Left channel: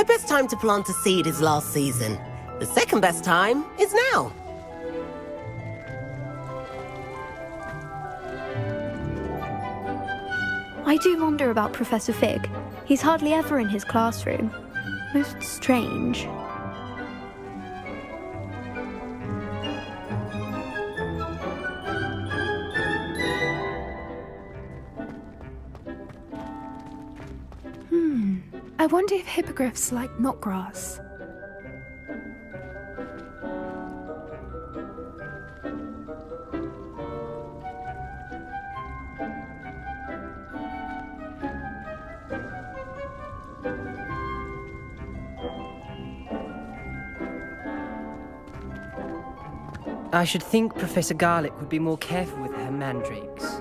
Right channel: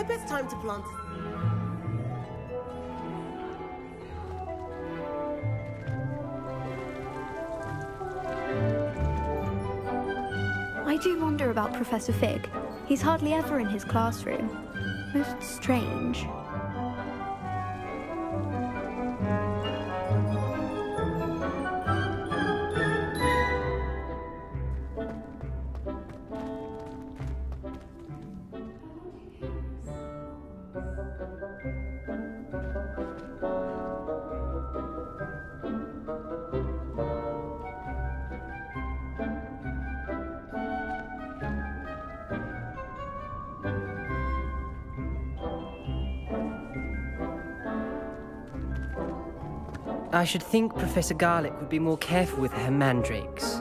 The best time to plant a seed is last season. The second best time is now. I do wonder about Professor Fig. He's hardly ever in his classroom. Most strange. I wonder if hippogriffs like knotgrass. I should think Professor Garlick would be more careful with her mandrakes.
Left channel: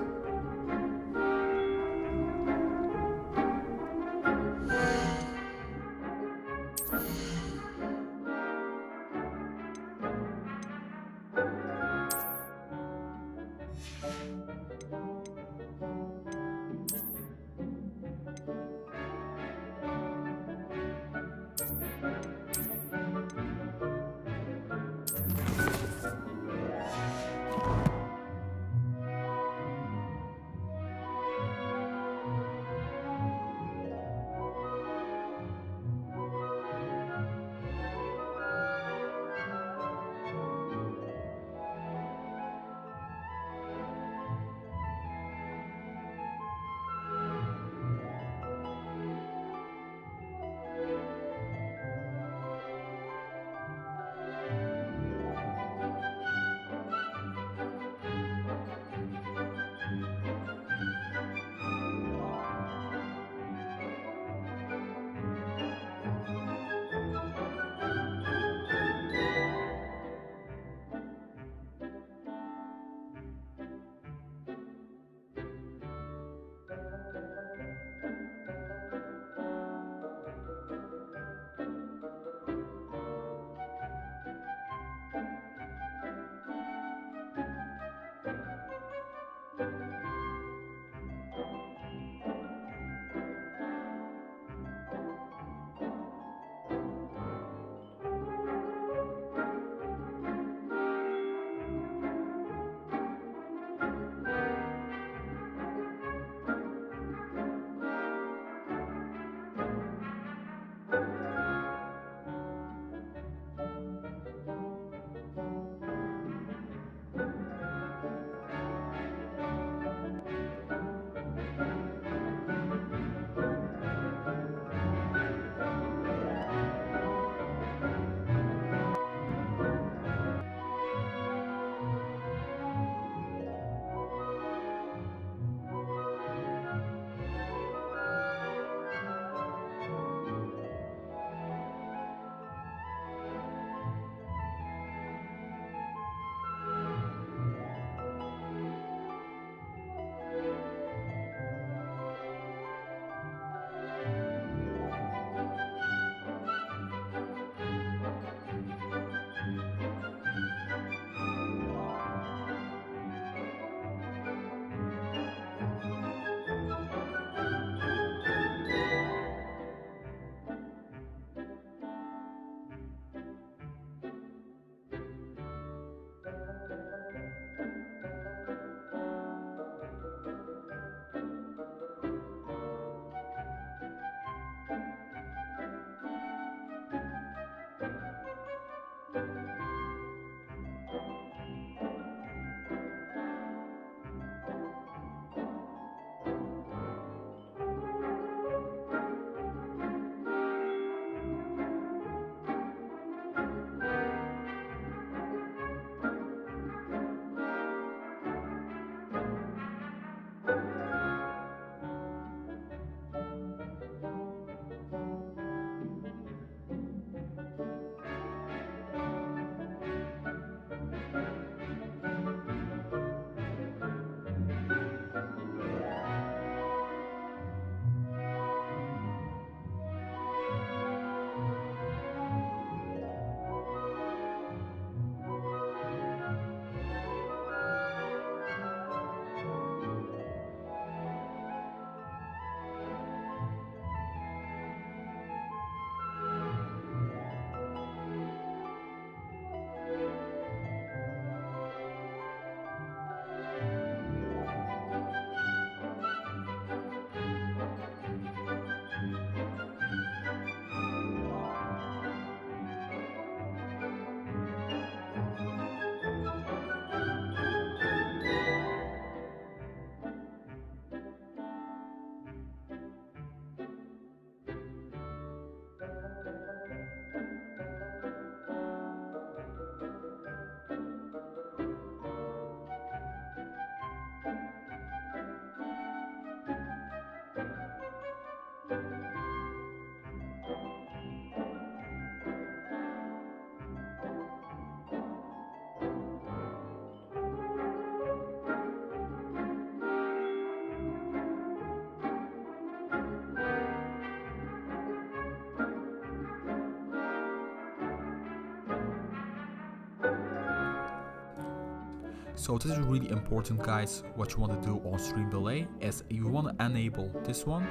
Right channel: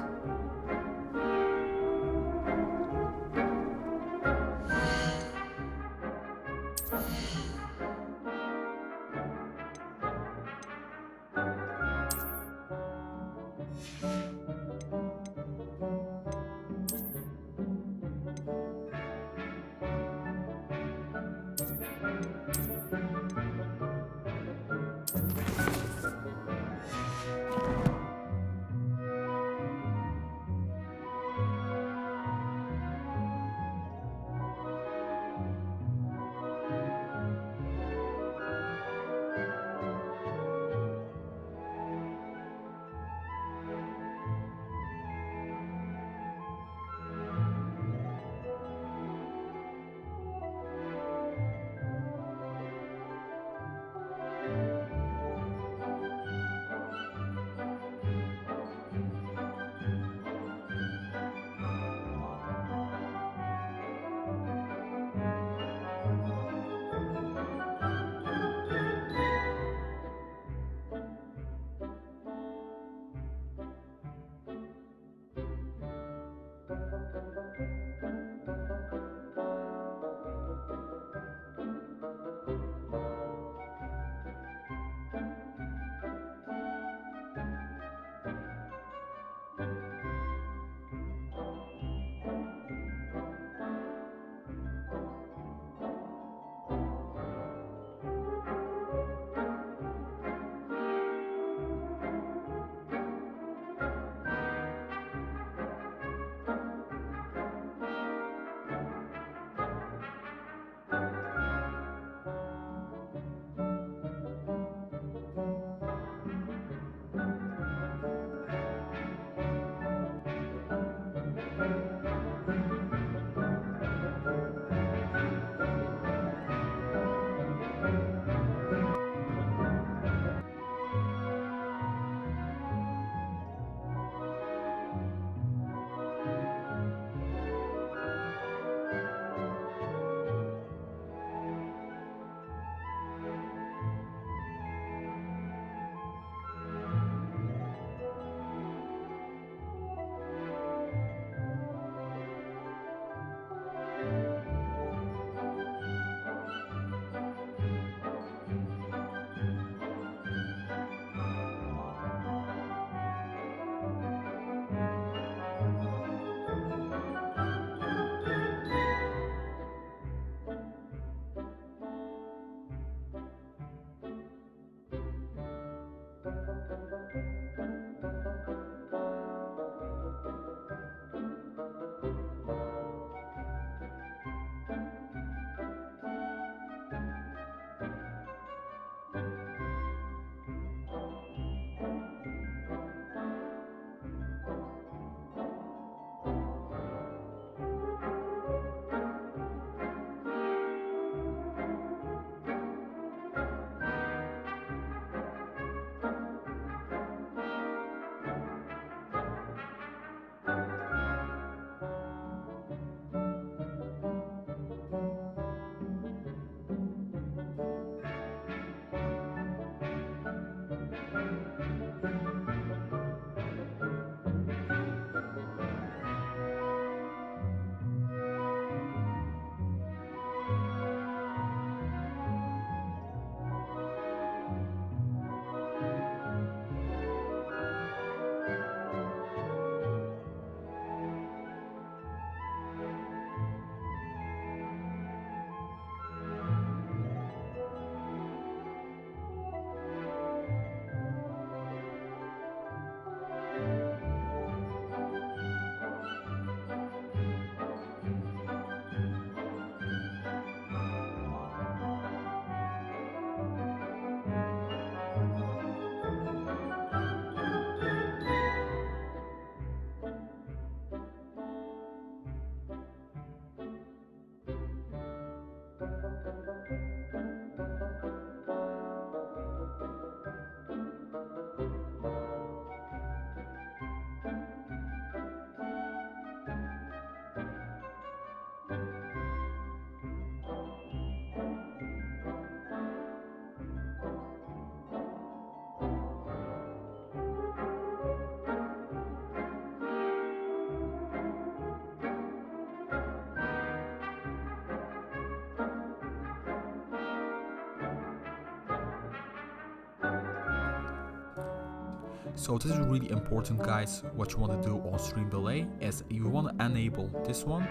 So this is really important, guys. What you want to do on stream delay is you want to enable this one,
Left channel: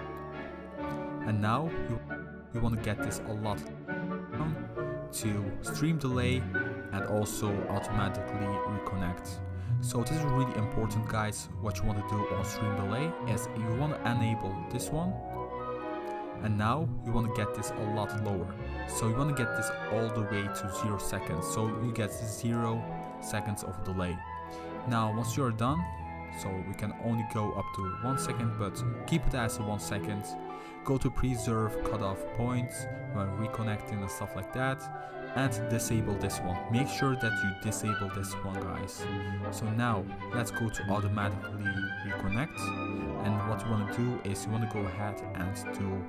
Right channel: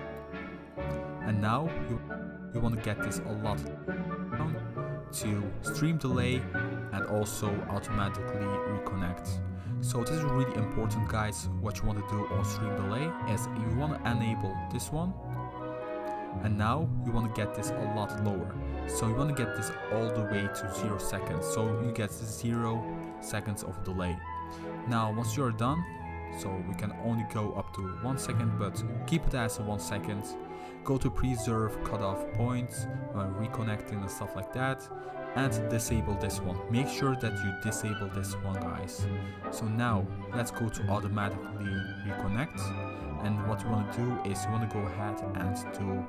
and now you want to get this a lot down to stream delay and also automatically reconnect. So this is really important, guys. What you want to do on stream delay is you want to enable this one, and now you want to get this a lot lower. So you want to get this all the way to 0 seconds, so you get 0 seconds of delay. Now once you're done, so we can only go up to 1 second, but keep it as 1 second. Go to preserve cutoff points when reconnecting and stuff like that, and disable this one. Make sure that you disable this one, guys. So now let's go to automatically reconnect, and what you want to do is you want to go ahead and do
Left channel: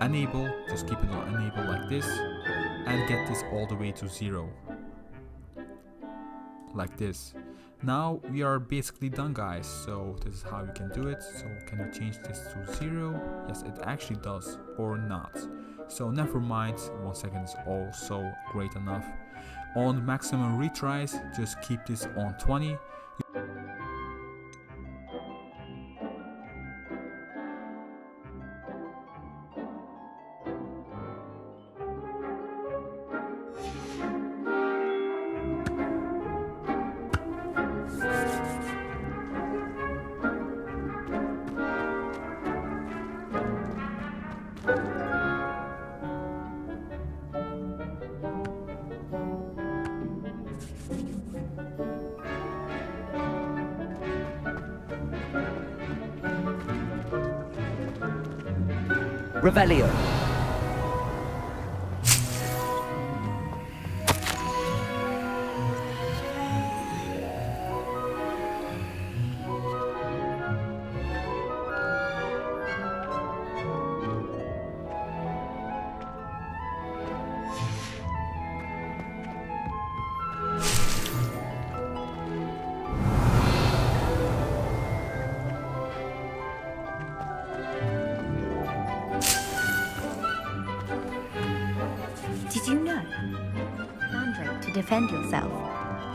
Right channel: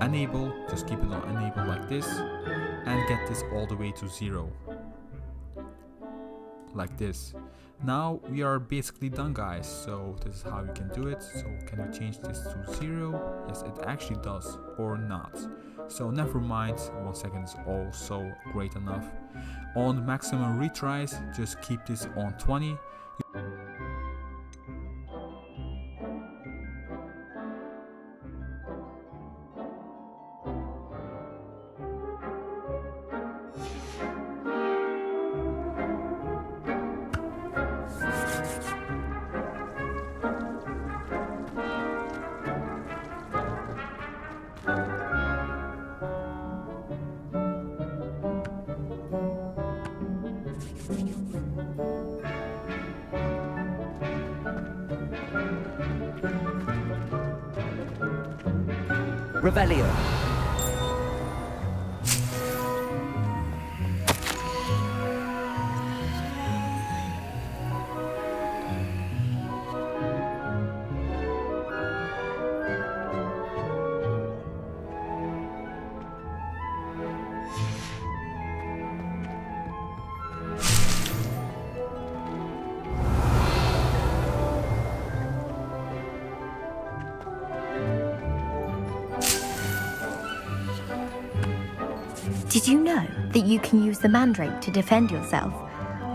enable. Just keep it on enable like this, and get this all the way to 0 like this. Now we are basically done, guys. So this is how you can do it. So can you change this to 0? Yes, it actually does, or not. So never mind, 1 second is also great enough. On maximum retries, just keep this on 20. Revelio. Did you know that you can use the mandrake to defend yourself?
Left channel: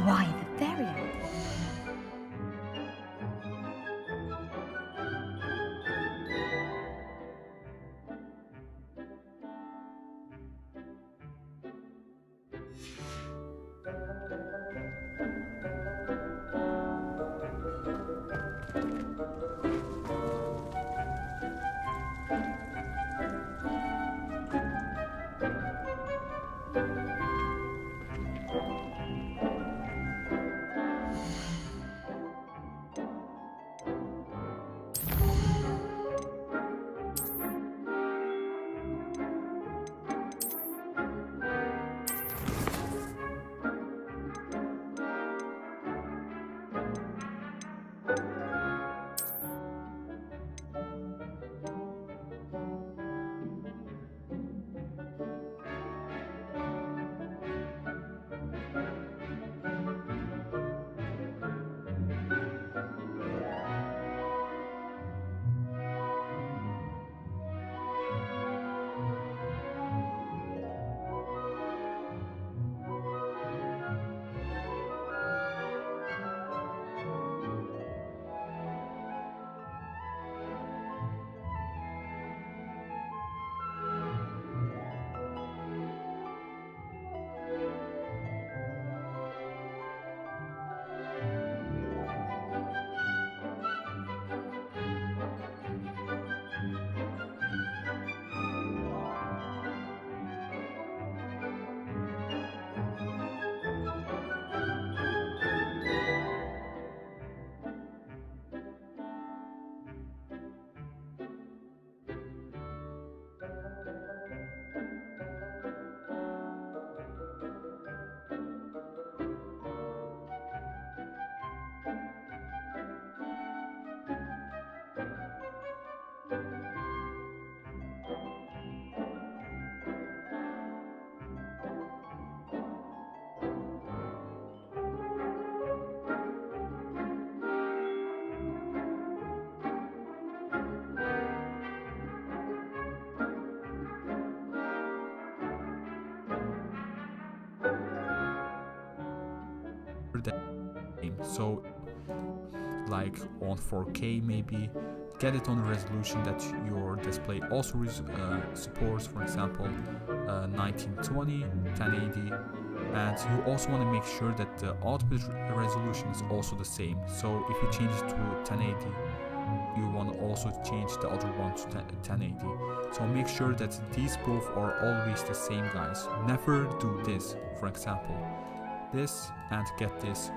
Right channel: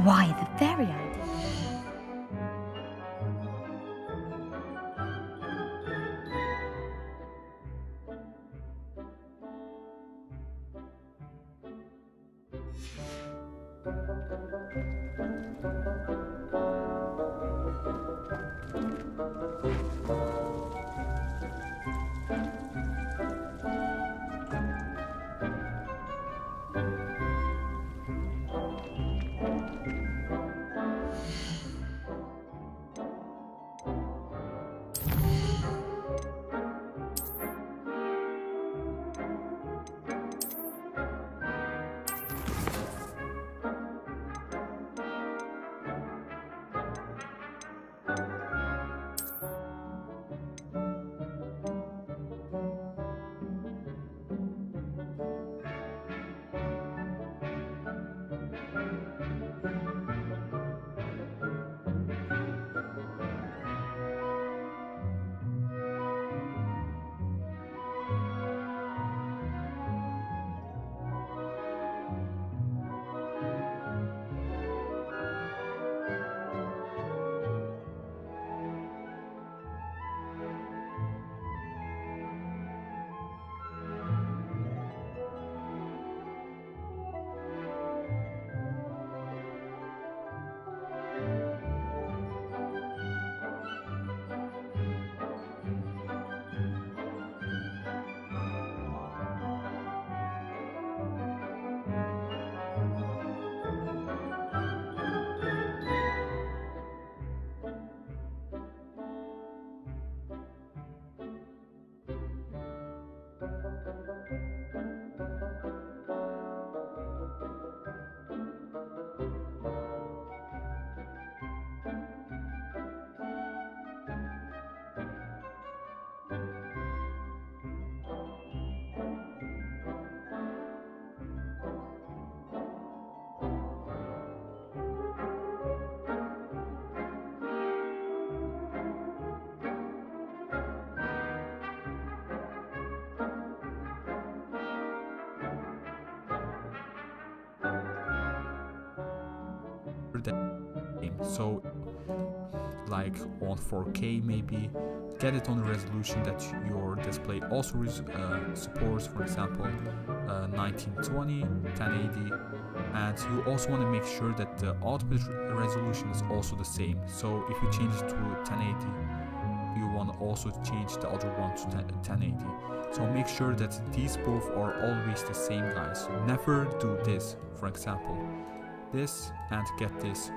Why, the very idea. So like on 4K maybe, get it on a resolution that your display also supports, for example 1920, 1080, and you also want to make sure that the output resolution is also the same. So if you change it to 1080, you want to also change the other one to 1080. So make sure that these both are always the same, guys. Never do this, for example this, and get this.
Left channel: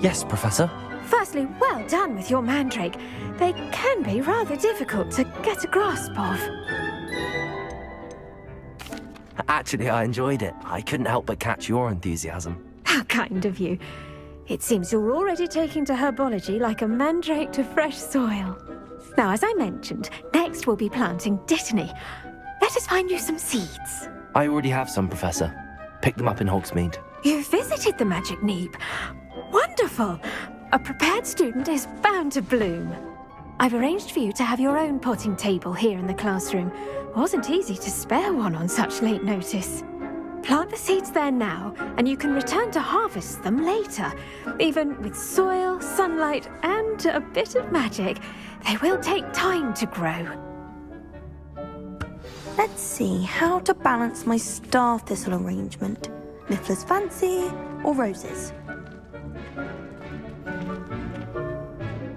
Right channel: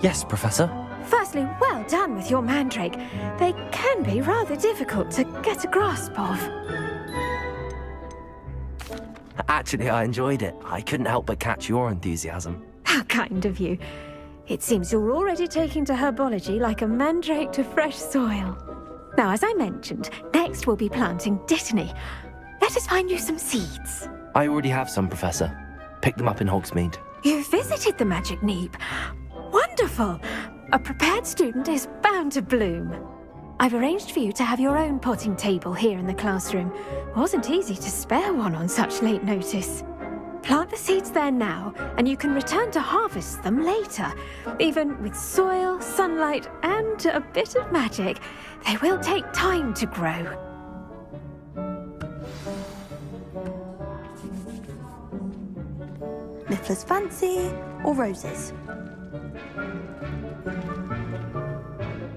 Yes, Professor. Firstly, well done with your mandrake. They can be rather difficult to get a grasp of. Actually, I enjoyed it. I couldn't help but catch your enthusiasm. How kind of you. It seems you're already taking to herbology like a mandrake to fresh soil. Now, as I mentioned, next we'll be planting dittany. Let us find you some seeds. I already have some, Professor. Picked them up in Hogsmeade. You visited the Magic Neep. Wonderful! A prepared student is bound to bloom. I've arranged for you to have your own potting table here in the classroom. Wasn't easy to spare one on such late notice. Plant the seeds there now, and you can return to harvest them later. Even with soil, sunlight, and a bit of magic, they will take time to grow. Let's see how to balance my star thistle arrangement. Niffler's fancy or roses?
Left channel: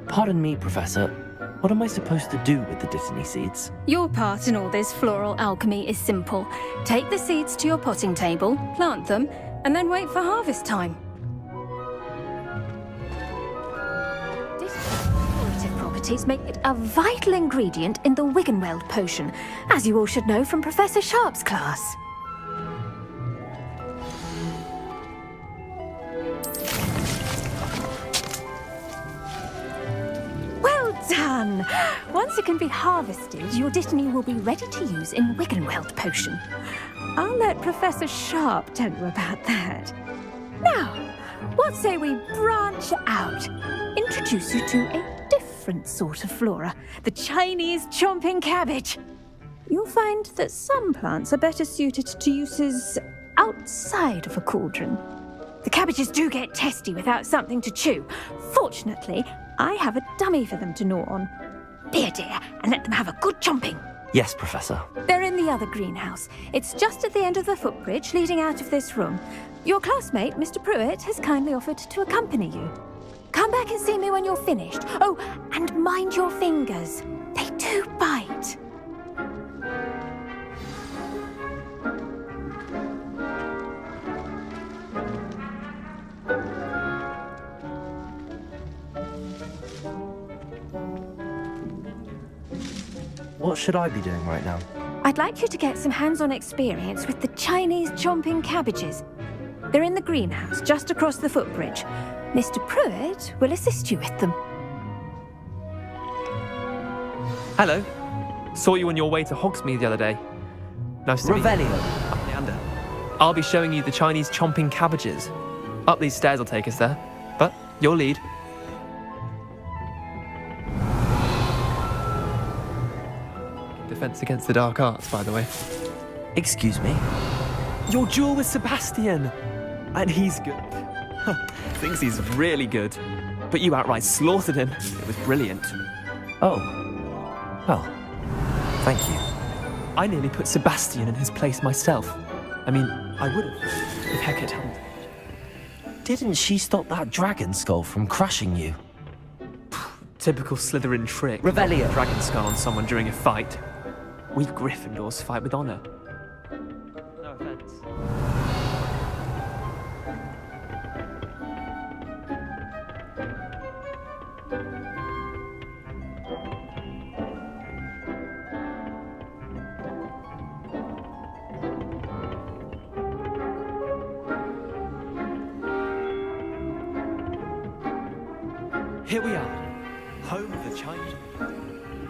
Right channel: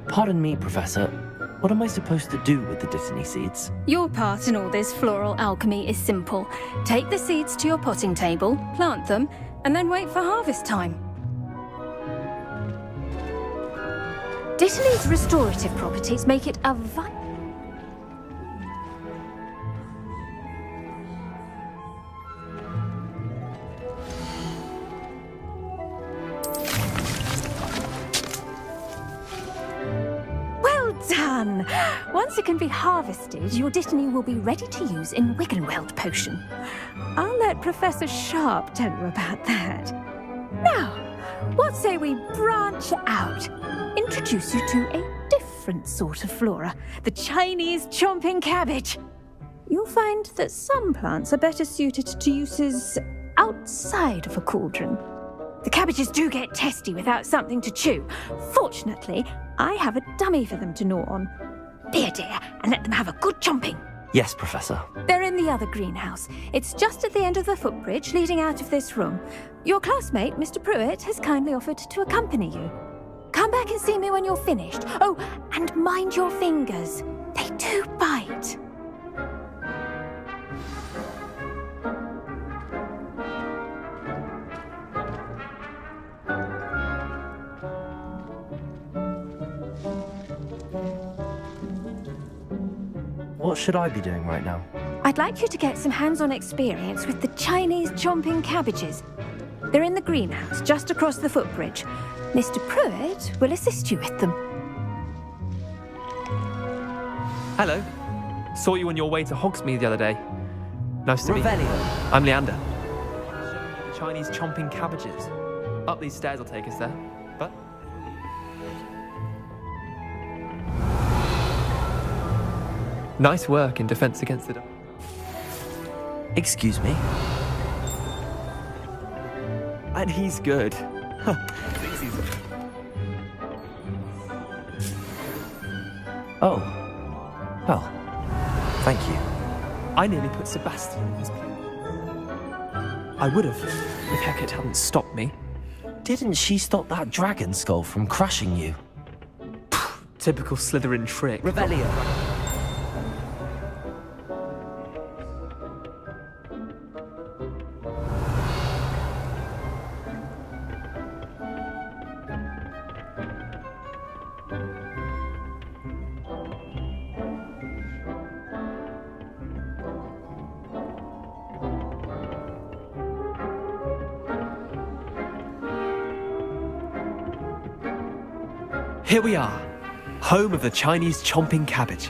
Pardon me, Professor. What am I supposed to do with the dittany seeds? Your part in all this floral alchemy is simple. Take the seeds to your potting table, plant them, and then wait for harvest time. Dittany's restorative properties make it a vital ingredient in the Wiggenweld potion, as you all should know from Professor Sharp's class. Well done! Once it can be harvested, your dittany will be ready to use in Wiggenweld potion. I'll let Professor Sharp tell you about that. Now, what say we branch out? Introduce you to a different sort of flora, the Chinese chomping cabbage. You'll find that some plants are better suited to uses outside of a cauldron. The cabbages do get testy without something to chew. Fortunately, I have a dummy for them to gnaw on. Be a dear and let them have a good chomping. Yes, Professor. They're in the other greenhouse. It's just at the end of the footbridge leading out of this room. Your classmate, Mr. Pruitt, has kindly offered to accompany you. Come back and see me when you're finished. Oh, and mind your fingers. They do bite. What should I be doing right now? I'd like you to get some hands-on experience with the Chinese chomping cabbages. They're in the greenhouse, just across the footbridge. Mr. Pruitt will assist you with them. Hello. Saw you on your way to Hogsmeade the other day. Nice to meet you. Revelio. I'm Leander. I'll be showing you the Chinese chomping cabbages. Up these stairs will take us there, but your lead. Nice work in Defense Against the Dark Arts, by the way. Excuse me? Your duel with Sebastian! And he's good. Thinks he's really good. But you outright slaughtered him. It was brilliant. Oh. Well, thank you. I nearly put Sebastian in his place myself. I mean, I would have, if Hecate hadn't stopped me. Didn't she stop that dragon skull from crushing you? Typical Slytherin trick. Revelio. Dragon skull on someone during a fight. We Gryffindors fight with honor. No offense. Here we are, home of the Chinese chomping cabbage.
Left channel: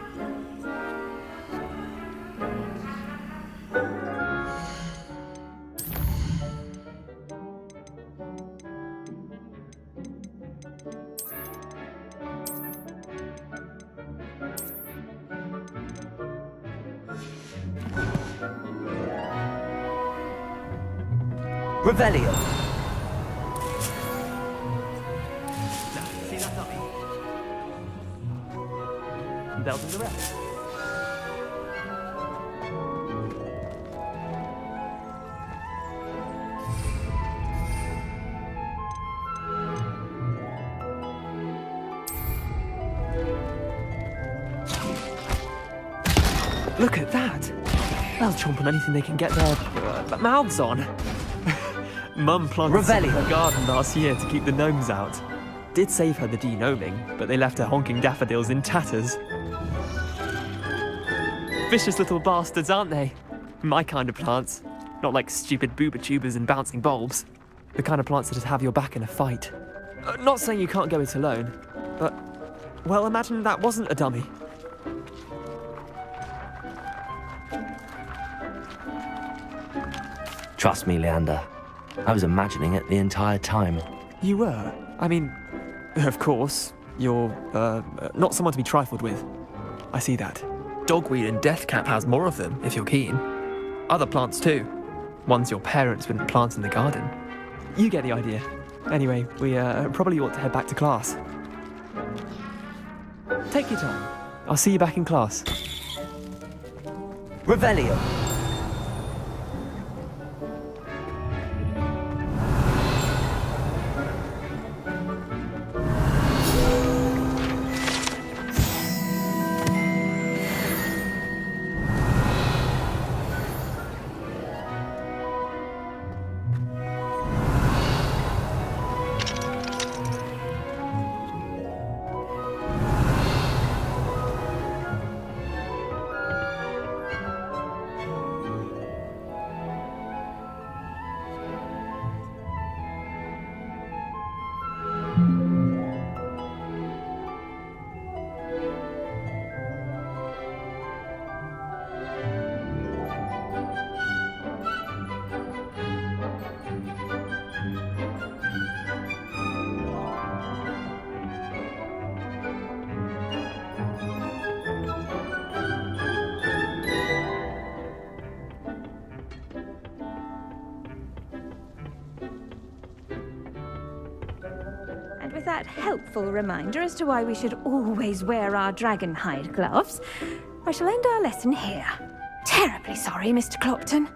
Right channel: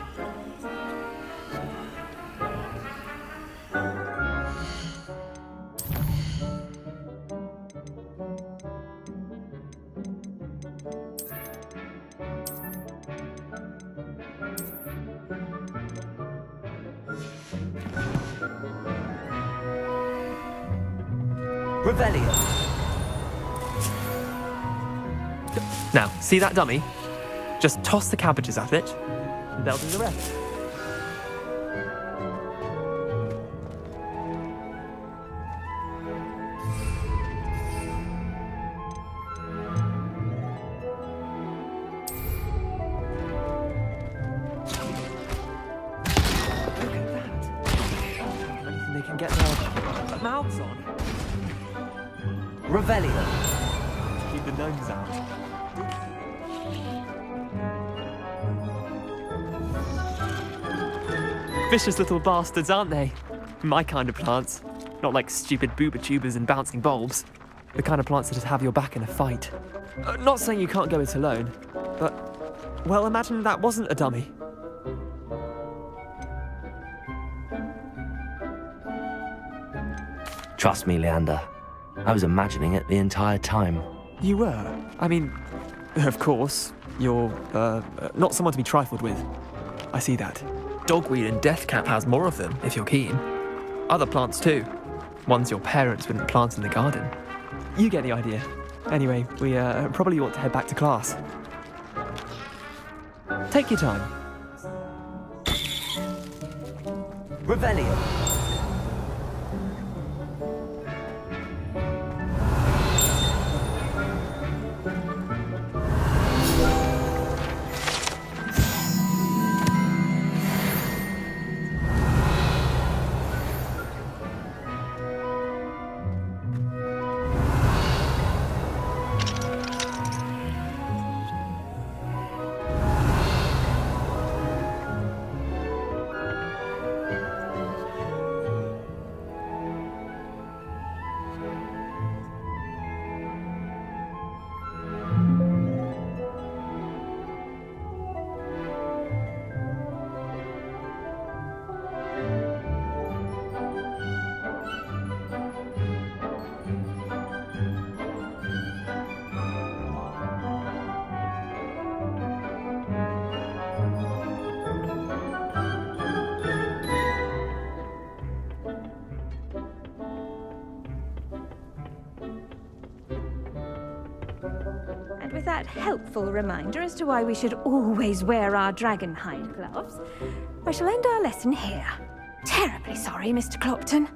Revelio. Now, see that dummy? Just toss the cabbages at it, and they'll do the rest. Look at that! They'll chomp on anything they can get their mouths on. Mum planted seeds in the garden last year to keep the gnomes out. Did save her the de-gnoming, but they left her honking daffodils in tatters. Vicious little bastards, aren't they? My kind of plants. Not like stupid booba tubers and bouncing bulbs. The kind of plants that have your back in a fight. Not saying you can't go it alone, but... well, imagine that wasn't a dummy. Trust me, Leander. I was imagining it the entire time. You were? I mean, of course, you're, not someone to be trifled with. I see that. Dogweed and deathcap has more of them, if you're keen. Other plants too. Ones your parents wouldn't plant in the garden. You get the idea. Anyway, we, probably ought to head back to class. Take your time. I'll see you back in class. Revelio. And with that helpful reminder as to why we should always wear our dragon hide gloves, I shall end our lesson here. Terribly sorry, Mr. Clopton.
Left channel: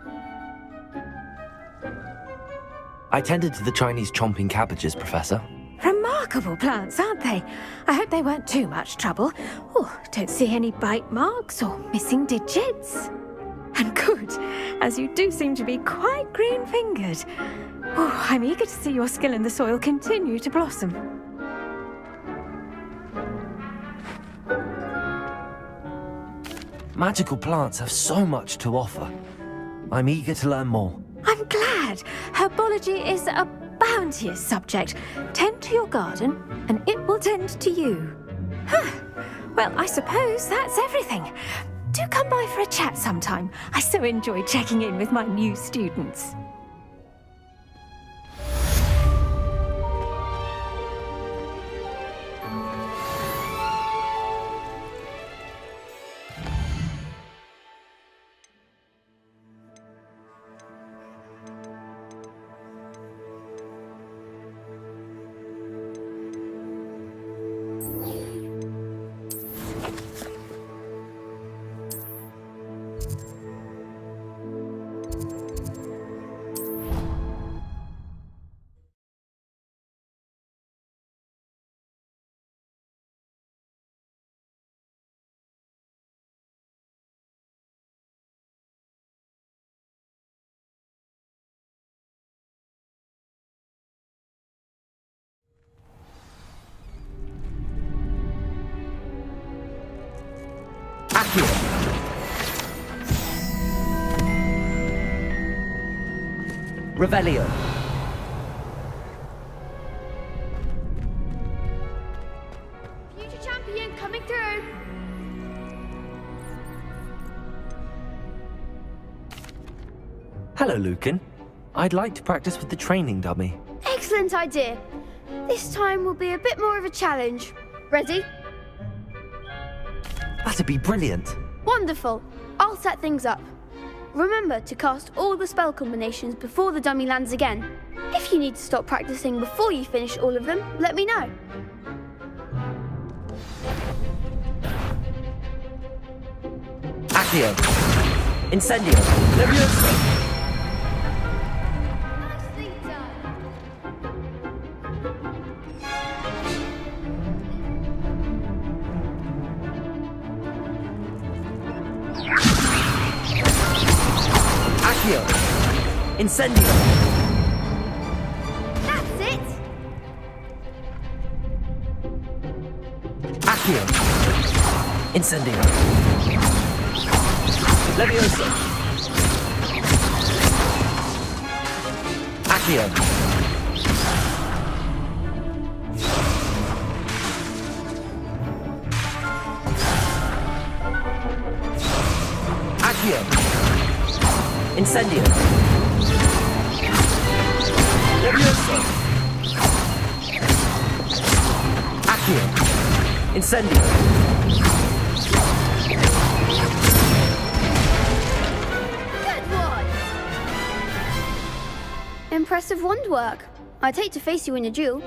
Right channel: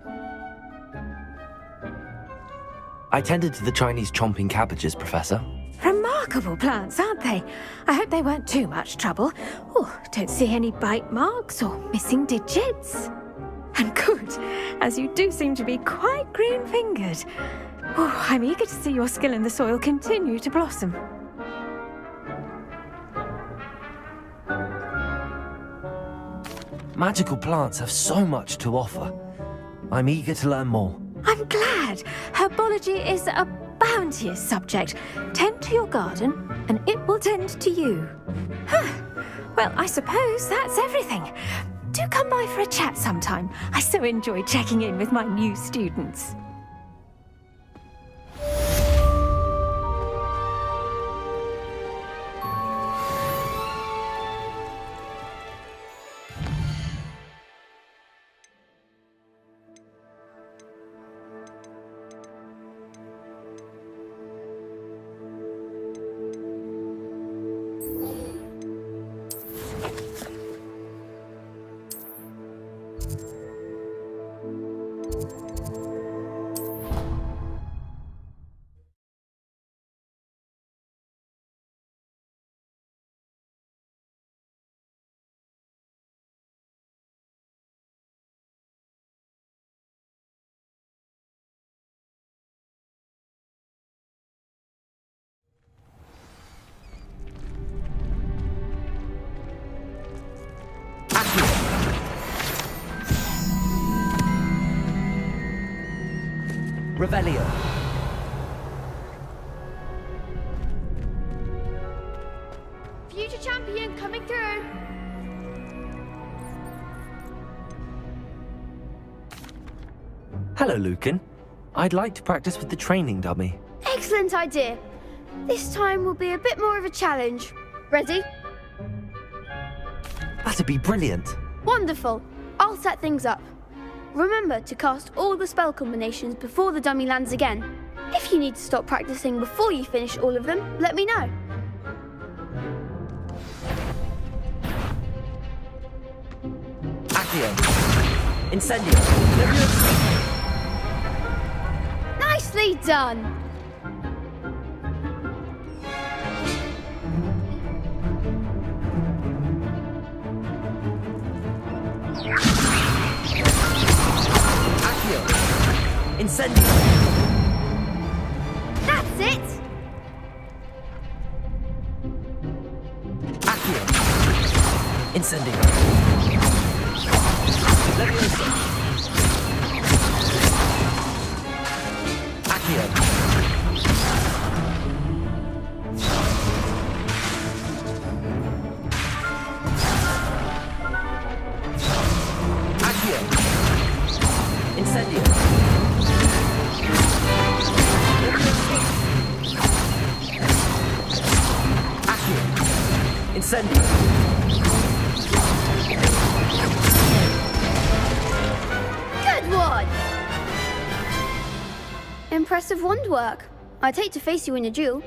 I tended to the Chinese chomping cabbages, Professor. Remarkable plants, aren't they? I hope they weren't too much trouble. Oh, don't see any bite marks or missing digits. And good, as you do seem to be quite green-fingered. Oh, I'm eager to see your skill in the soil continue to blossom. Magical plants have so much to offer. I'm eager to learn more. I'm glad. Herbology is a bounteous subject. Tend to your garden, and it will tend to you. Well, I suppose that's everything. Do come by for a chat sometime. I so enjoy checking in with my new students. Revelio. Future champion coming through. Hello, Lucan. I'd like to practice with the training dummy. Excellent idea. This time will be a bit more of a challenge. Ready? That'd be brilliant. Wonderful. I'll set things up. Remember to cast all the spell combinations before the dummy lands again. If you need to stop practicing before you finish all of them, let me know. Accio. Incendio. Leviosa. Nicely done! Accio. Incendio. That's it! Accio. Incendio. Leviosa. Accio. Accio. Incendio. Leviosa. Accio. Incendio. Good one! Impressive wand work. I'd hate to face you in a duel.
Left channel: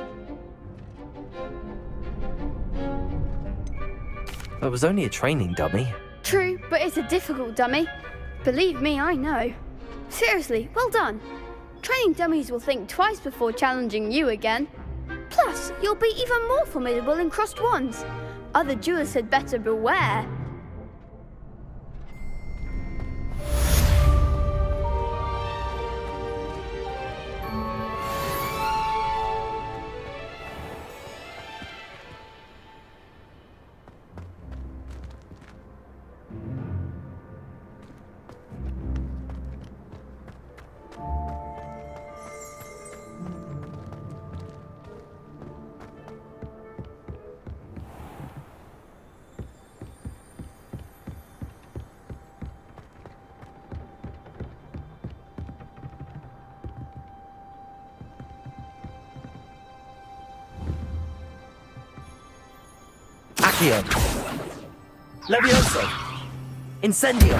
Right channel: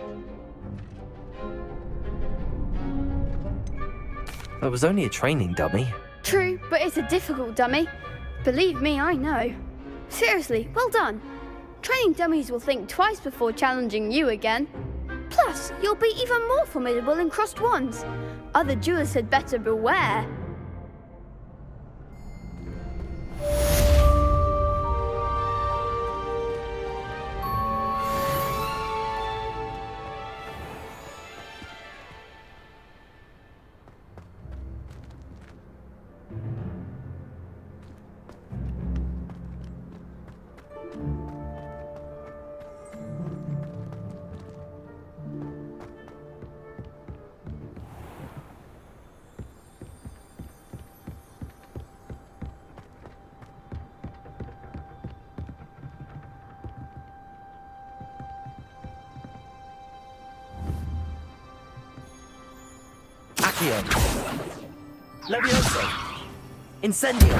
It was only a training dummy. True, but it's a difficult dummy. Believe me, I know. Seriously, well done. Training dummies will think twice before challenging you again. Plus, you'll be even more formidable in crossed wands. Other duelists had better beware. Accio. Leviosa. Incendio.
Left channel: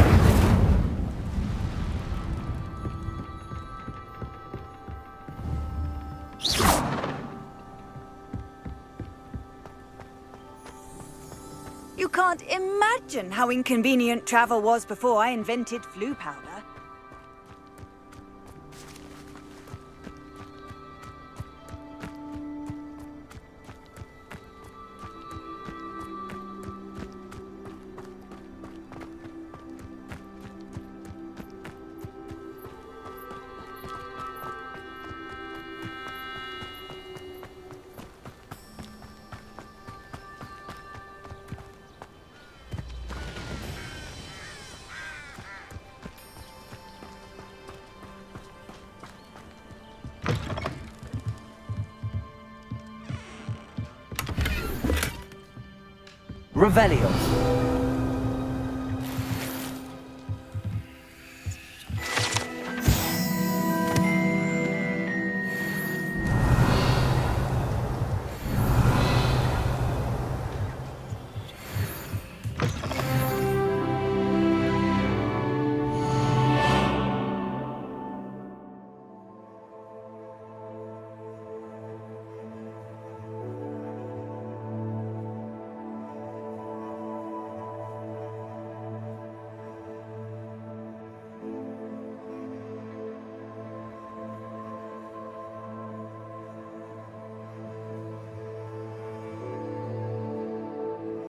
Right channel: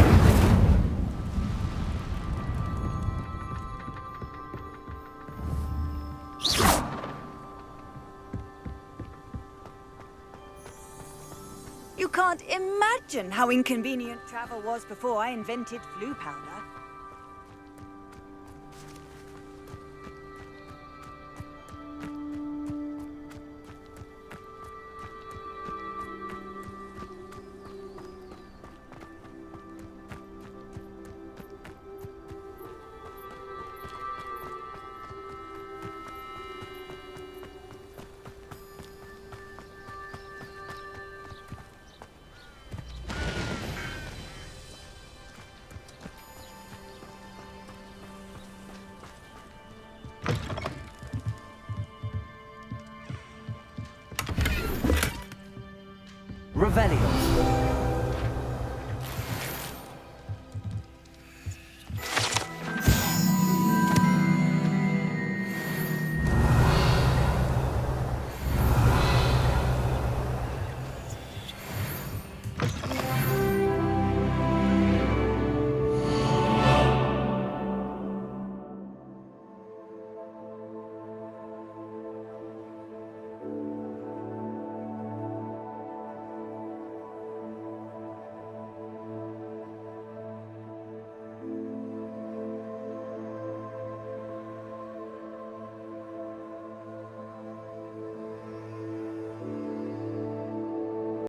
You can't imagine how inconvenient travel was before I invented flu powder. Revelio.